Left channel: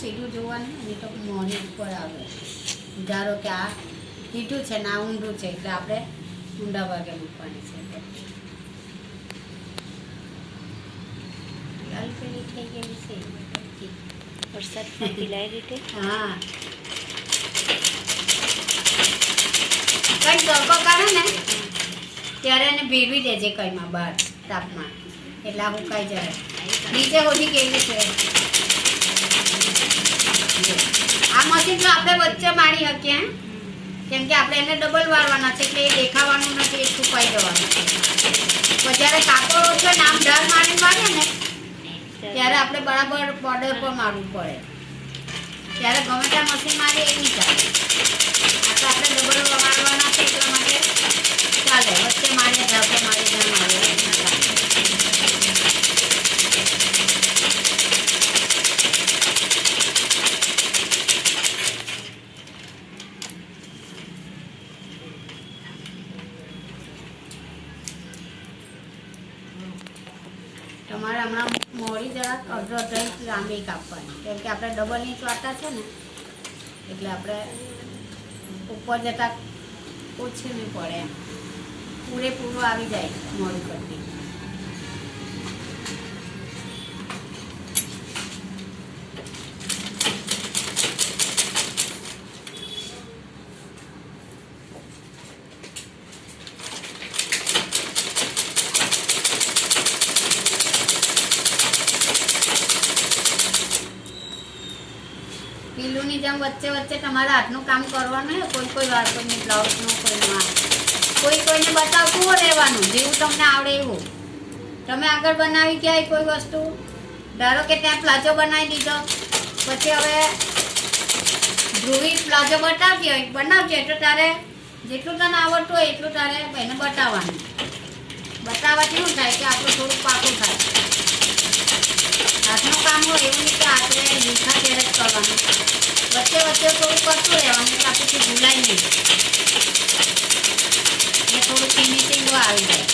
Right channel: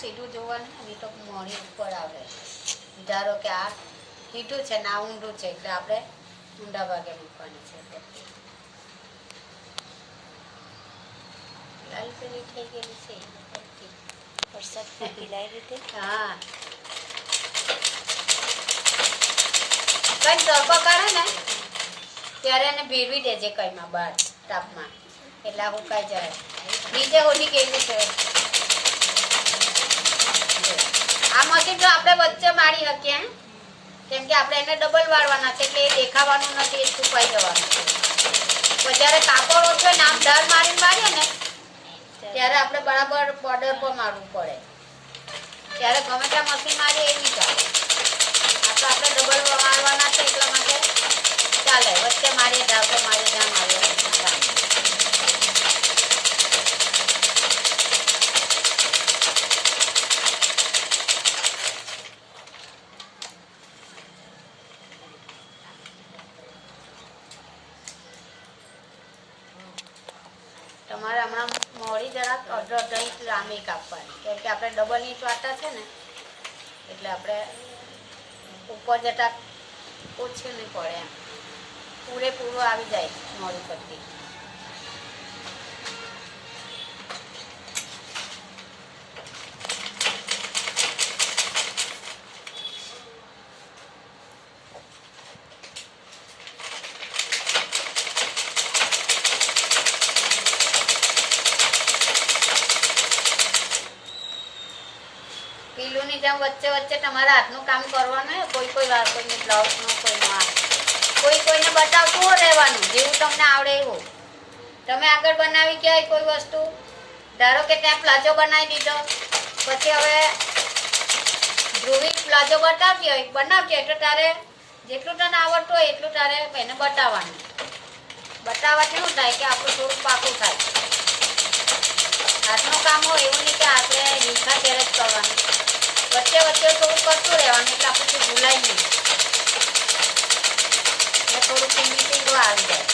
સીધું જોવાનું ને તો મોઢી ઉપર આવે. ધારો કે આ સીધું છે ને આ ઊંધું છે એટલે આપણે ઊંડા ભાગે મૂકવાની છે. લાલ પેલી થઈ ગયેલી છે વરસાદમાં પીલાઈ રીતે. હા કઈ તડકો કાઢે ને ત્યારે એને ભેરવી દેજે કઈમાં બહાર તાપમાં એટલે આ ઉકાઈ જાય. નીચે હોધી કેવી છે આ મશીન જો આપણે વચ્ચે મારી શકીએ કેમ કે આપણે એને ડબલ વાળવાના છે એટલે એ દેખાવાનું નથી, એ સુકાઈ જવાનું છે. પણ જ્યારે કાપડ ઓછો ને આમ ઢાળ મારીને મારીએ ને ત્યારે આપણે બરાબર બોર્ડર પર મારવું પડે. ત્યારે ગમે ત્યાં મશીન મારીએ એ નહીં ચાલે. આ તો આપણે ડબલ મારવાના છે એટલા માટે ચાલે. વચ્ચે મારીએ ઢાંકો મારીએ ઢાં મારીએ ચાલે. તમારે હમણાં મોડી જરાક અડધો ઇંચ લાંબી કાપવાની કેમ કે આપણે ડબલ ઇંચ વાટા છે ને એટલે આપણે ઉપર જતા ઓછી નહીં પડે એમ પૂરેપૂરું આવી જાય મોડી પટ્ટી. પીલુંની જેમ વચ્ચે વચ્ચે તમારા હાથનું કામ કરવાનું. કોઈ વાર કોઈને બ્લાઉઝનું કોઈનું કોઈને બતાવતું રહેવાનું જેવું તમને આવડે એવું. તમે આગળ બનાવી ક્યાંય કોઈ વસ્તુ ધારો કે ત્યાં પ્લાઝો બનાવી દીધો પછી હવે ધ્રુવી પ્લાઝો બનાવતી હોય તો તારે જેટલું તને આવડતું હોય એટલું તારે એને બતાવવાનું. બતાવવાથી શું થાય કે આપણું થોડુંક પાકું થાય. હાથનું કામ હોય એવું નહીં કે આપણે હિંસા ત્યારે જ કરવાનું. વચ્ચે થોડું કરતું રહેવાનું એટલે આપણું ભૂલાય નહીં ને થોડું ફિનિશિંગ આવી જાય.